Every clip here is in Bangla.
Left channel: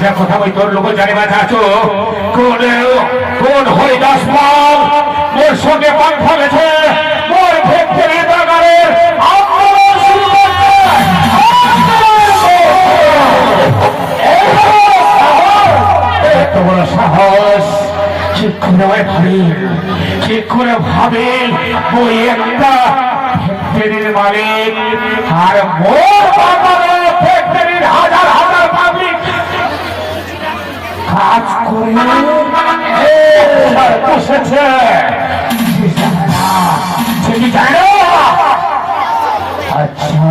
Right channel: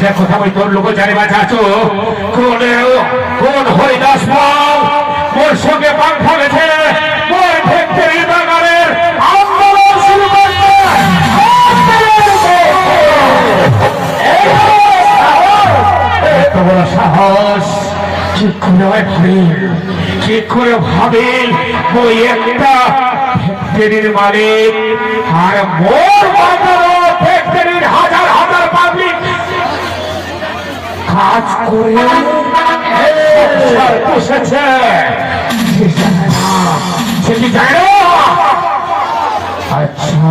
কথা বই তোর লোক জানি বাজা আছো? কোন কোন হরিদাস পাল মোর সঙ্গে পাখা গেছে মোর ফ্যাক্টরি বাগানের আন্দোলন শুরু করতে? সাহস, কি করে ভাবেন কি করে ভাবেন ওই একটা মালিক আর মোর বাগানো করে বসেছে? আচ্ছা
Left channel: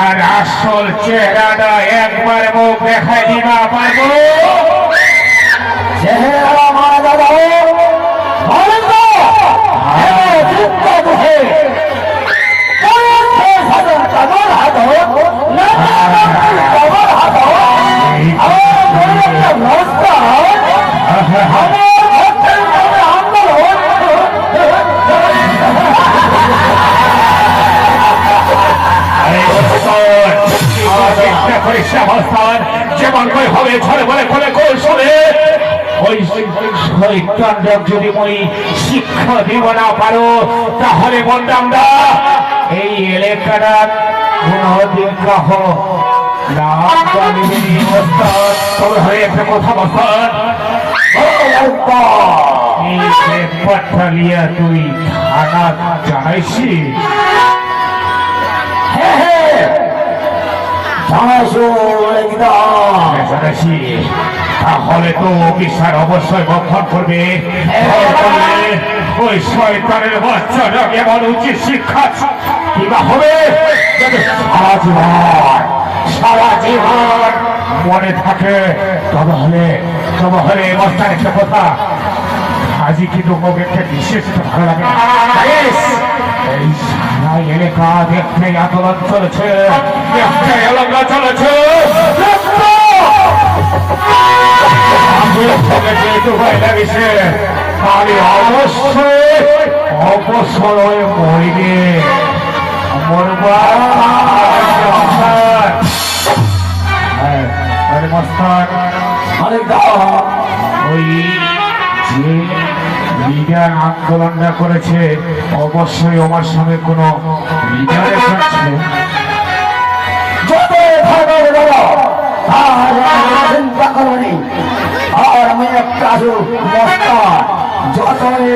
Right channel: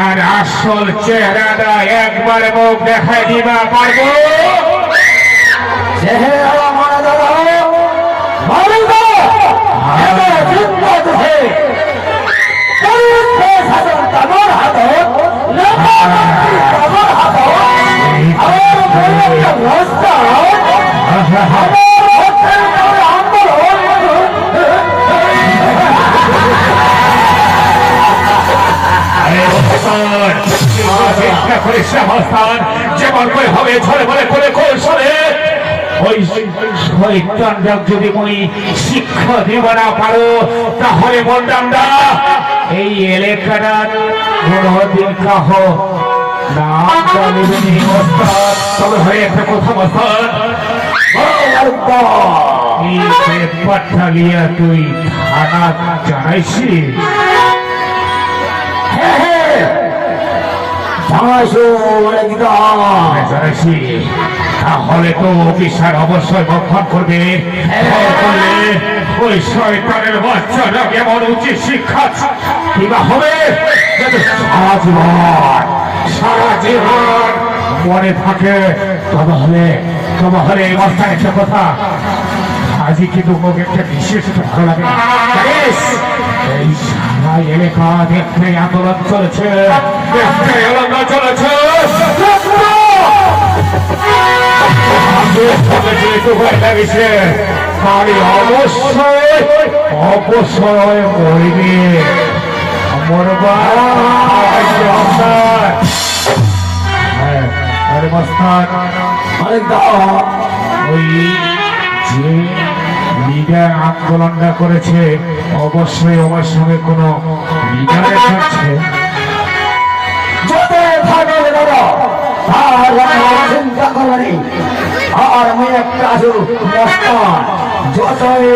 আর আসল চেহারাটা একবার মুখ দেখাই দিবা পারব চেহারা মারা দাদা ভালো দেখে না ওস্তাদ, যেমন করে হবে ঝরে বলে করে কৌশলে যদি মই শিক্ষা দিব না পারো তাহলে বললামটা এই এলাকাটার কোনদিন কাহ তবে হয় একটা কথা লিয়া তুই থানা জানাইছি তাহলে তো অফিসার অবশ্যই বক্ষণ করবে। ওই শয়তানের বাচ্চাটা কেমন উচিত শিক্ষা কিবা হবে? সারা জীবন সারা জীবন মনে থাকে তবে হলে তবে হলে এই একটা কথা। আজি কিন্তু বিশেষ ভালো লাগে এই সারা এলাকা দেখতে আন্দোলন চলেছে দেখতে অবশ্যই মরিবে আরে একদম ওই লিডার আন্দোলনটা করেছে অবশ্যই আমার সঙ্গে কোনো লিডারের থাকছে চিন্তা করবনি আর আমি একটা আছো মস্তান যতই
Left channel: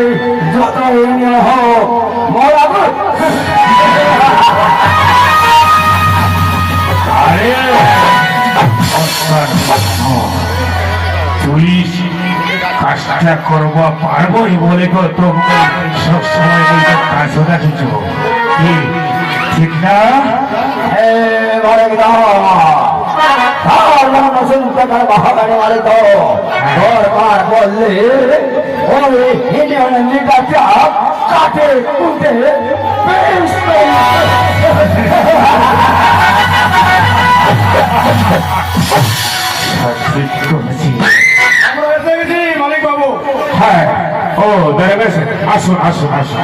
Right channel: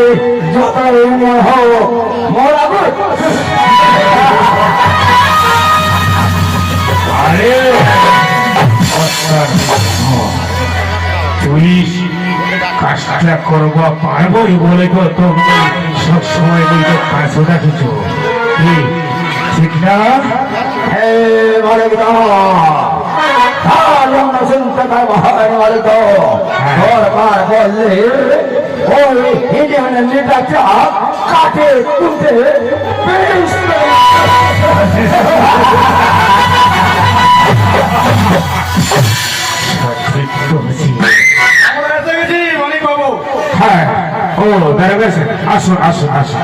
যতই মোহ মরাবো আরে মস্তান, তুই কাজটা করব পারবোই বলে তো তোকে সবসময় বলতে কাজও রাখিছ ঠিক না? মালিক দা ও দাঁড়া গেছে। আসুন আসুন আসুন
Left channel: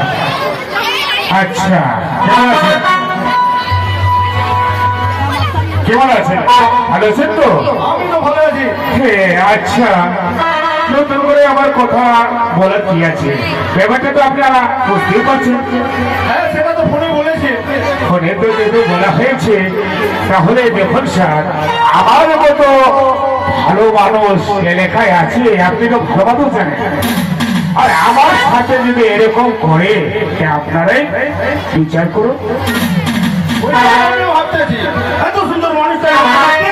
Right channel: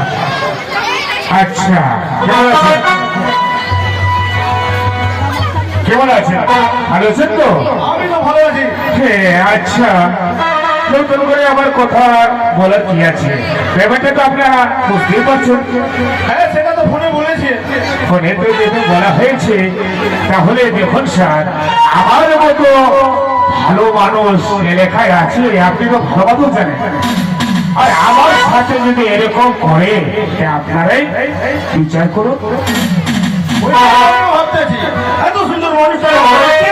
আচ্ছা কেমন আছেন? কেমন আছেন? ভালো আছেন তো? আমি তো ভালো আছি। আচ্ছা। নতুন করে আমার কথা বলার কি আছে? ব্যাপারটা তো আপনারা বুঝতেই পারছেন। হ্যাঁ সেটা তো ফোনে বলেছি। ফোনে তো যেহেতু বলা হয়েছে তাহলে দেখুন স্যার আমার মতো ভালো মানুষ এলাকায় আছে আপনি তো ভালো মতো জানেন। আর আমার সাথে যদি এরকম করে আপনারাই বিচার করুন। এত সুন্দর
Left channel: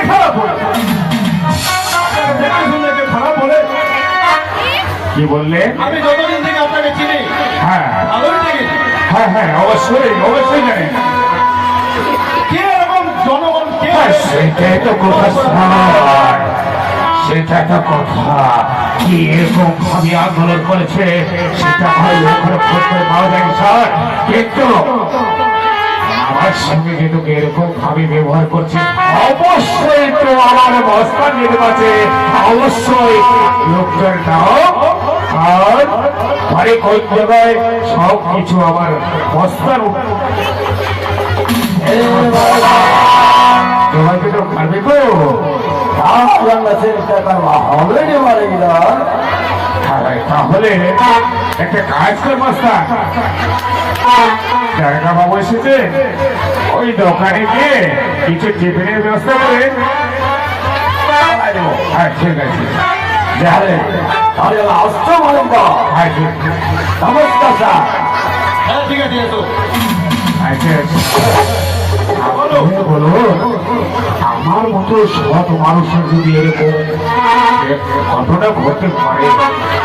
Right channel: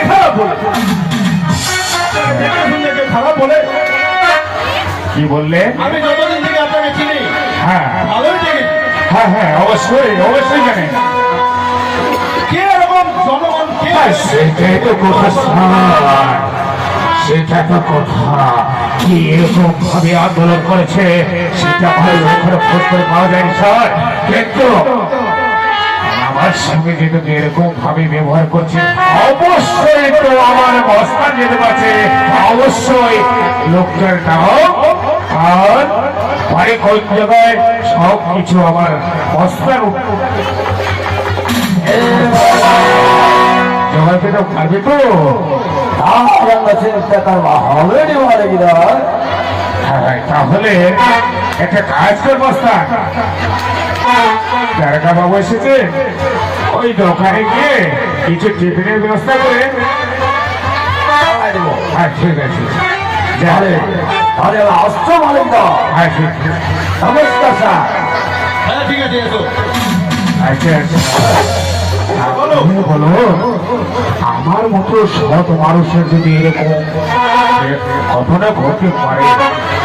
খারাপ বলে? খারাপ কি বললে? আমি যতদিন থেকে আপনাকে চিনি হ্যাঁ। ভালোই দেখি হ্যাঁ হ্যাঁ অবশ্যই অবশ্যই জানেন কে এরকম জনগণ কে? সেটাই তো কথা সেটা তো কথা। কি এরকম ভাবে আন্দোলন করেছে, সেটা ভালো এখনও খোঁজ করে পাওয়া যায় স্যার। কিন্তু আমার সঙ্গে কিন্তু এরকম ভাবে ব্যবহার করছে, অবশ্যই তো আমার বস্তা পারছে অবশ্যই লোকটার নাম আর পরে কোন জায়গায় সব কিছু আমার বস্তার হবে মারে তাহলে একটা কাজ কর বস্তা দারোগা বাবু এসেছে। ওই দোকানে গিয়ে কিছু টিফিনের ব্যবস্থা করে হ্যাঁ ঠিক আছে। যাহলে আরে অস্ত্র মালিক হ্যাঁ ঠিক নমস্কার স্যার। হ্যাঁ ঠিক আছে আচ্ছা আচ্ছা বলো। বলো। আমার মতো সৎ মানুষের যদি এরকম ঘটনা ঘটতে পারে,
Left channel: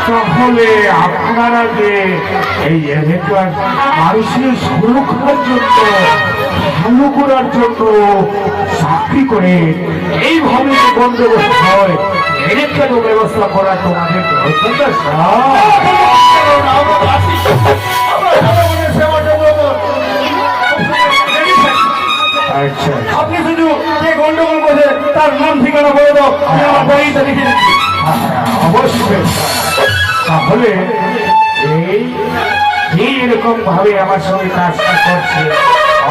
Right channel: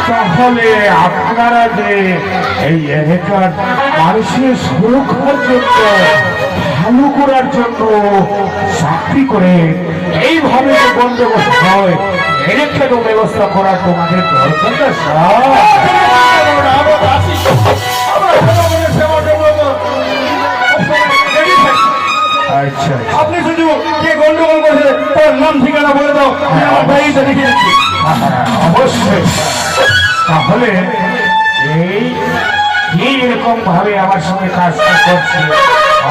তাহলে আপনারা যে এই এলাকার মানুষের সুরক্ষার জন্য ভালো করার জন্য চাকরি করে এইভাবে যে বন্দোবস্ত হয় এর কেন ব্যবস্থা করা তোমাদের দরকার আচ্ছা। আপনি শুধু কে গন্ডগোল করছে তার নাম ঠিকানা বলে দাও আমি আমার ডায়েরিতে লিখে দিচ্ছি অবশ্যই। তাহলে এই কি এরকম ভাবে আমার সঙ্গে কাজটা করছে।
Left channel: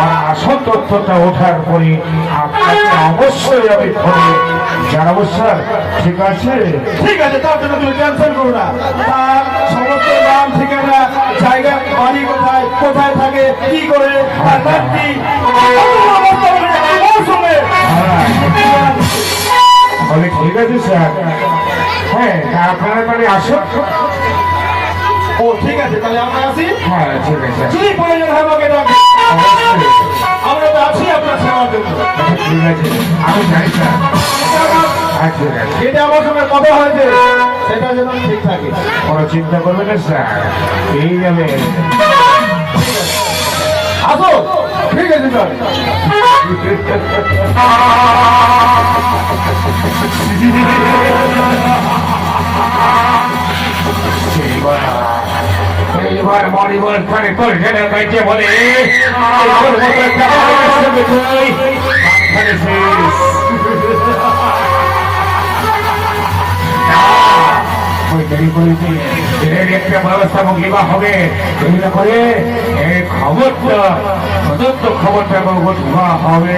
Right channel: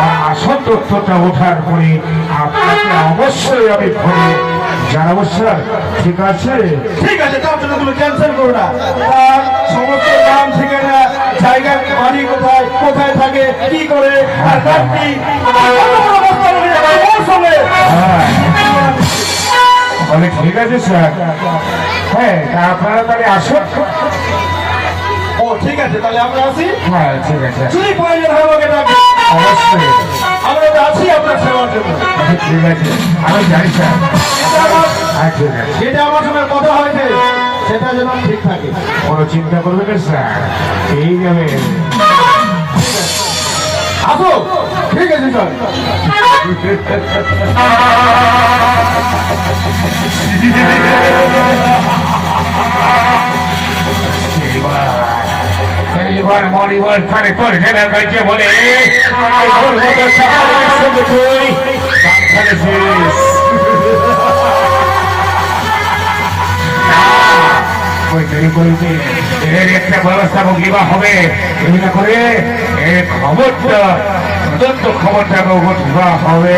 আর আসল তথ্যটা ওঠার পরে আপনাকে অবশ্যই আমি ফোনে জানাব স্যার। ঠিক আছে? ঠিক আছে তার জন্য তুমি ক্যান্সেল করো না। তার সমস্ত নাম ঠিকানা জায়গা বাড়ি কোথায় কোথায় থাকে কি করে আর হ্যাঁ বলে ঠিক আছে স্যার। হ্যাঁ আপনারা তাহলে আসুন। ও ঠিক আছে তাহলে আমরা আসি। হ্যাঁ ঠিক আছে। যদি প্রয়োজন হয় আমাকে। অবশ্যই। আমরা তো আছি আপনার সেবার জন্য। ঠিক আছে। আমি জানি স্যার। হ্যাঁ ঠিক আছে। যেটা আমার সঙ্গে কথা হয়েছে। সেটা যেন ঠিক থাকে। কোনো চিন্তা করবেন না স্যার। এই যাবে। আসো ঠিক আছে স্যার এইবার মরিবল খানে তোর বলে ওই তৈরি করেছি এর একটা ব্যবস্থাপক বগলিবা হবে। এগুলো করে এই খবরটা তদন্ত খবরটা হবে।